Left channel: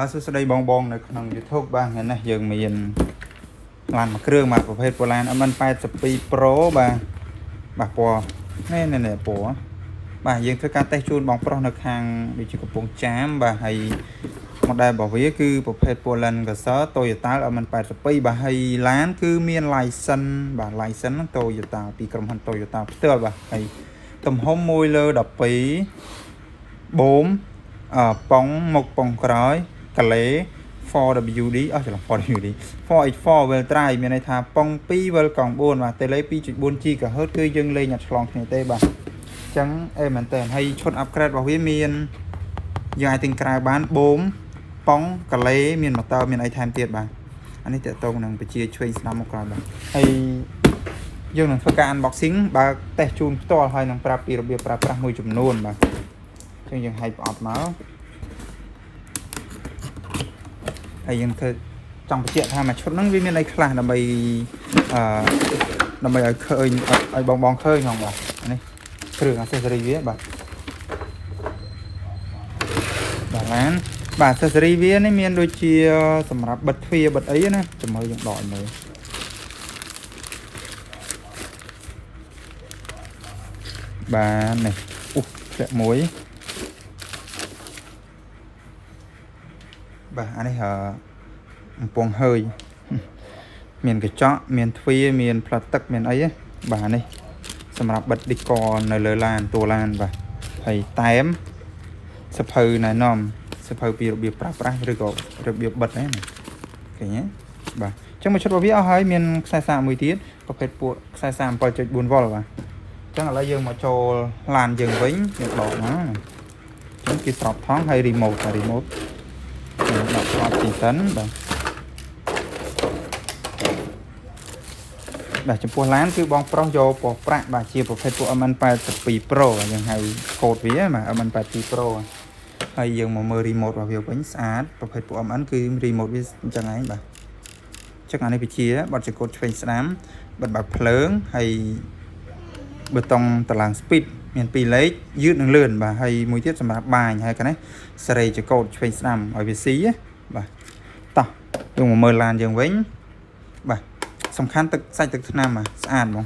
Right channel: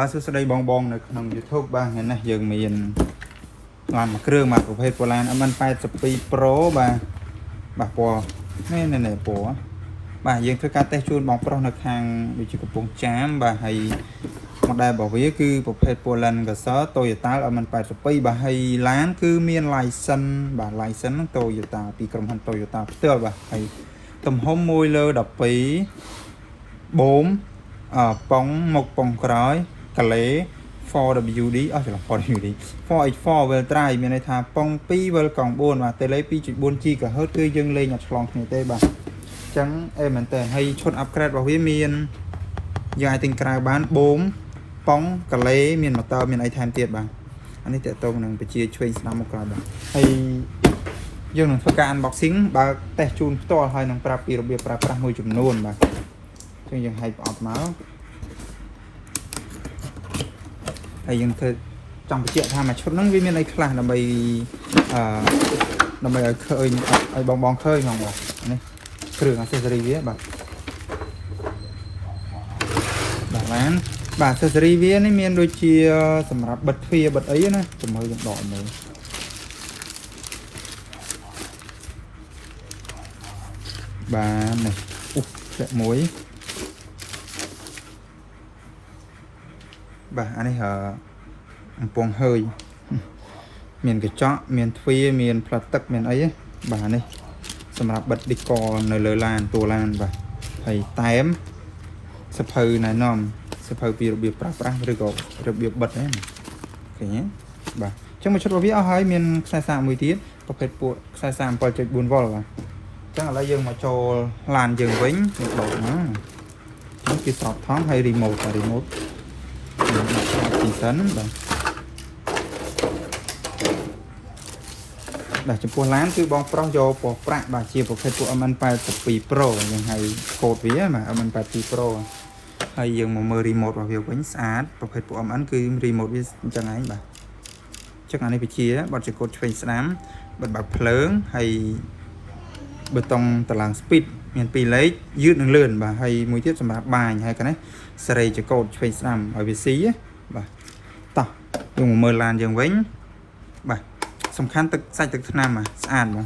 បាទសួស្តីបងនៅក្នុង YouTube បាទថ្ងៃនេះយើងមានបានមួយគ្រឿងបាទប្រភេទ Poland MN82 Pro បាទពណ៌នេះពណ៌បាទយើងធ្វើការតេស្តជូនបងប្រុសនៅខាងដូចជាកំពង់ចាមបាទហើយ model របស់វាគឺប្រភេទ Poland Gazelle Toyota MN82 បាទហើយឡានគឺមាន license បាទ license ហ្នឹង Toyota ពីក្រុមហ៊ុន Toyota ផ្ទាល់បាទហើយទំហំ1 លើ 12 បូមប៉ុងមុខប៉ុងក្រោយកលេ 4WD ច្រឡំ 4WD 4H4 wheel drive មានន័យថាប៉ុង2 wheel កង់4បាទ tele 2.4 GHz គឺយើងលេងអត់ឆ្លងគ្នាទេបាទអញ្ចឹងមែនតើហើយឈុត upgrade របស់វាមានយើងអាចទិញក្រៅបានបូមប៉ុងកលេមានម៉ូទ័រមានអីថែមទៀតបាទអានេះតើតោងនឹងបជាឆ្វេងស្ដាំមកក្រោយបាទហើយយើងនឹងធ្វើការ unboxing បើតេស្តជូនផ្ទាល់ហើយនឹងប្រាប់ពីរបៀបប្រើប្រាស់មួយចំនួនបាទយើងហែកប្រអប់មកហើយយើងធ្វើចង់បញ្ជាក់ថាមួយឈុតហ្នឹងវាមានអីខ្លះដើម្បីឲ្យឃើញឲ្យបងឃើញហ្មងបាទនេះគ្រឿង accessory វាបាទaccessory វានេះមានដូចជាសម្រាប់បិទទ្វារបិទអីណាចាំមើលយើងដកមើលបាទនេះធ្លាក់មួយបាទអានេះអំពងហើយមានកញ្ចក់មានទ្វារមានផ្លាស្ទិកមានអីបាទនេះសម្រាប់បិទឌីកនៅលើឡានតួឡានបាទហើយតែមសភៅណែនាំសភៅពីរបៀបប្រើប្រាស់ឬក៏របៀបបិទហ្នឹងឃើញទេបាទអញ្ចឹងមួយឈុតរបស់វាអស់ហើយមានខ្សែសារមួយទៀតប្រភេទពួកខ្សែសារ 7.4V បាទអញ្ចឹងឥឡូវយើងមកចូលឡានយើងវិញយើងបោកហ្នឹងអញ្ចឹងគេស្រោបថង់ហើយ remote ដាក់ស្រោបពីសិនបាទចំពោះឡានគឺបងប្រុសយកពណ៌ប្រាក់បាទជាប្រភេទពួក MN82 Pro យើងហៅកូដវាបាទ MN82 Pro ហើយយើងមកមើល remote របស់វាវិញស្អាតប្រភេទពួក MN គឺ remote វាអញ្ចឹងឯងបាទចឹងអានេះវាជាបត់ជាកូដឆ្វេងស្ដាំបិទបើកភ្លើងហើយប៊ូតុងតឡាង speed មាន2លេខយឺតនិងលឿនបាទហើយមួយទៀតសម្រាប់បាញហើយកនេះសេរីជាកូដឆ្វេងស្ដាំឲ្យវាស៊ីបាទតោះយើងមកមើលឡានយើងវិញបាទសំខាន់ទឹកសាច់ទឹកថ្នាំស្អាតបង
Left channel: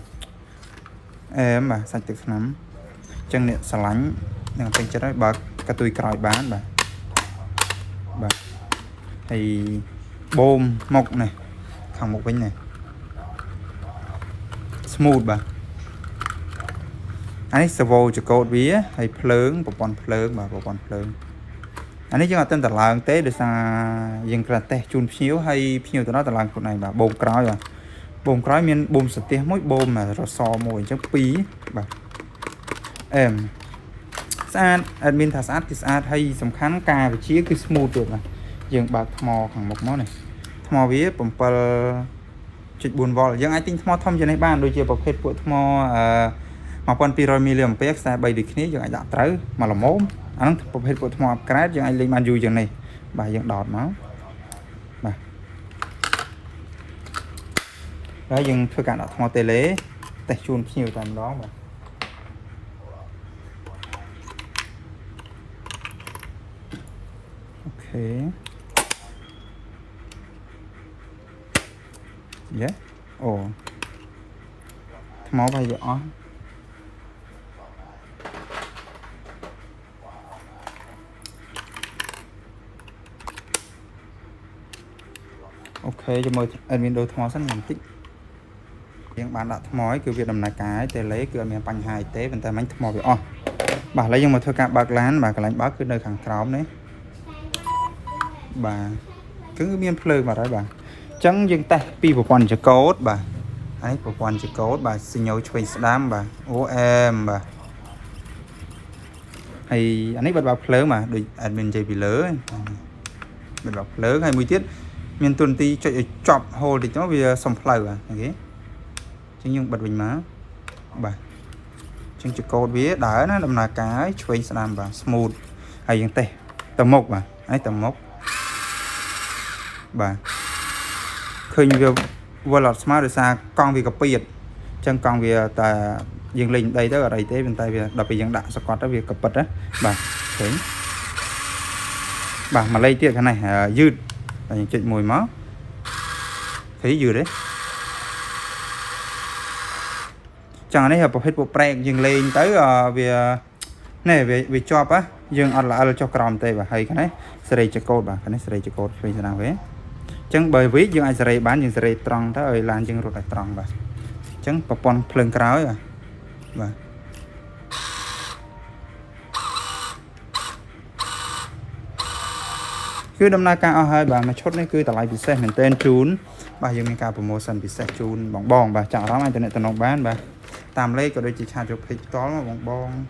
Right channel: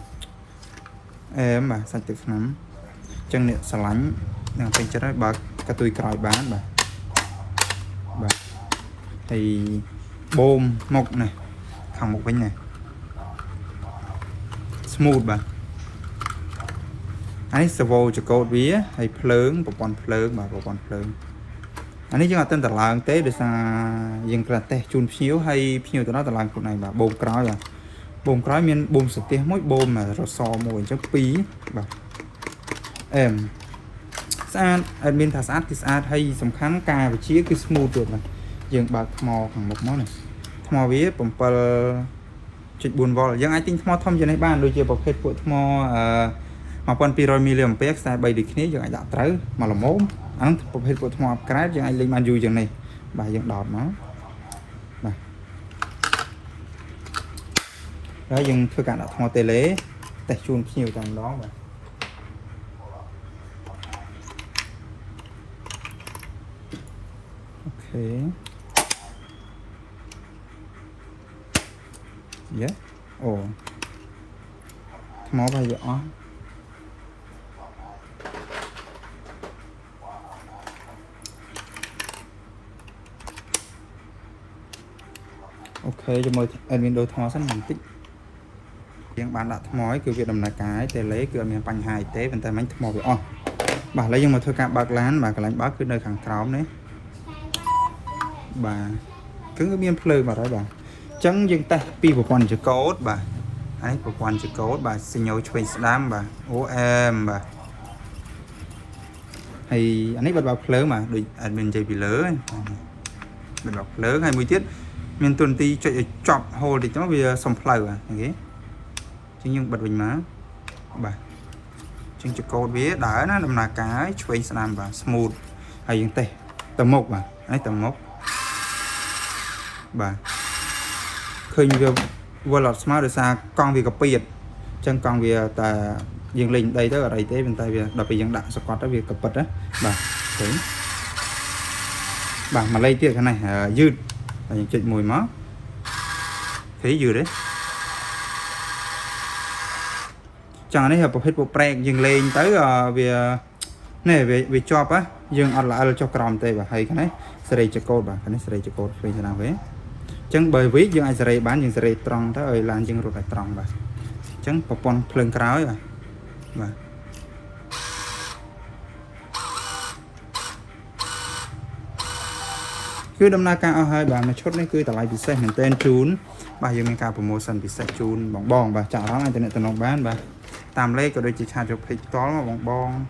បាទសាច់ទឹកថ្នាំអញ្ចឹងអ្នកស្រឡាញ់ដល់ពេញចិត្តហើយបើកតុយក្រោយបានបាទហើយបូមមុខនេះខាងមុខវិញនេះ smooth បាទអានេះ servo ចកោតវាហើយភ្លើងប្រព័ន្ធភ្លើងបាទប្រព័ន្ធភ្លើងអានេះយើងអត់ទាន់តឡើងទេដោយសារយើងគ្រាន់តែជូនភ្ញៀវហើយភ្ញៀវទៅដល់តឡើងខ្លួនឯងបាទបូមក្រោយបាទបូមក្រោយមានបូមសទេសមួយបូមរសមួយអញ្ចឹង2បាទស្អាតអត់មានថាស្អាតគឺស្អាតហើយសំខាន់ការវិជាគឺ smooth ទៀតបាទយើងបើកថ្មខាងមុខមកនេះថ្មវា 7.4V យើងអាចទិញថ្មធំជាងនេះបានដូចជាប្រភេទពួកថ្ម1200 mA ខ្សែ3ដូចគ្នាយើងអាចដាក់ត្រូវមកល្មមអាហ្នឹងប្រភេទពួកថ្ម upgrade យើងអាចលេងបានយូរជាងនេះបាទយើងដោតមកបាទហើយយើងធ្វើការដាក់ថ្ម tele តេស្តជូនភ្ញៀវតែម្ដងបាទអូខេអូថ្មវាយកអស់អូខេចាំមើលអេដមីនដូរថ្មសិនបន្តិចយើងបានដាក់ថ្មហើយគឺវាដំណើរការទេលេគឺអត់មានបញ្ហាអីទេប៉ុន្តែមិញថ្មវាអស់បាទឥឡូវយើងមកធ្វើការបើកឡានបាទកន្លែងបើកគឺនៅខាងក្រោមនេះបាទគឺមានភ្លើងបាត់ហើយបាទអញ្ចឹងយើងតេស្តពីប្រព័ន្ធចកោតបាទហើយប្រព័ន្ធចកោតបាទសញ្ញោឆ្វេងស្ដាំបាទ OM បាទហើយអានេះបិទបើកភ្លើងបាទដូច admin និយាយពីលើបិទបើកភ្លើងហើយមួយទៀតមានទូនទីចុចឲ្យចប់ hold តិចទៅវាសំផ្លូវបាទអូខេអញ្ចឹងយើងបិទវិញមកបាទអញ្ចឹងចកោតវាដើរណាដំណើរការឆ្វេងស្ដាំបាទ smooth ហើយយើងតេស្តទៅមុខបាទហើយទៅមុខបាទឃើញវាវល់អត់ស្មើដោយសារកង់វាកាពីអញ្ចឹងកង់វាតែយើងលេងដីទៅអត់អីទេប៉ុន្តែវាដល់ពេលយើងដាក់សកត់ទៅវាកពិតណាបាទឃើញ bà mà lấy tiết cái này dư chuyện mùi mó thấy dư đấy chẳng này hợp hết bộ preng dừng lên tới về này về chop á dừng ăn là cho crom tê và hay cái này sợi cho cô bà cái này sợi cho cô vì thế nào vậy chẳng bởi vì dừng ai sợi bán dừng sợi tròn đó ơi lan dừng rồi là tròn bà chẳng bà pon phơi cáo à bà cứ đâm na cao hơi bà mà chốt này cứ tại lại bị xe mình tên chún bà dừng cao promotion bị xe chún bong bong bà chả đó internet tận bán bà tạm lấy cái đôi chỉ cha cho phải có bong bong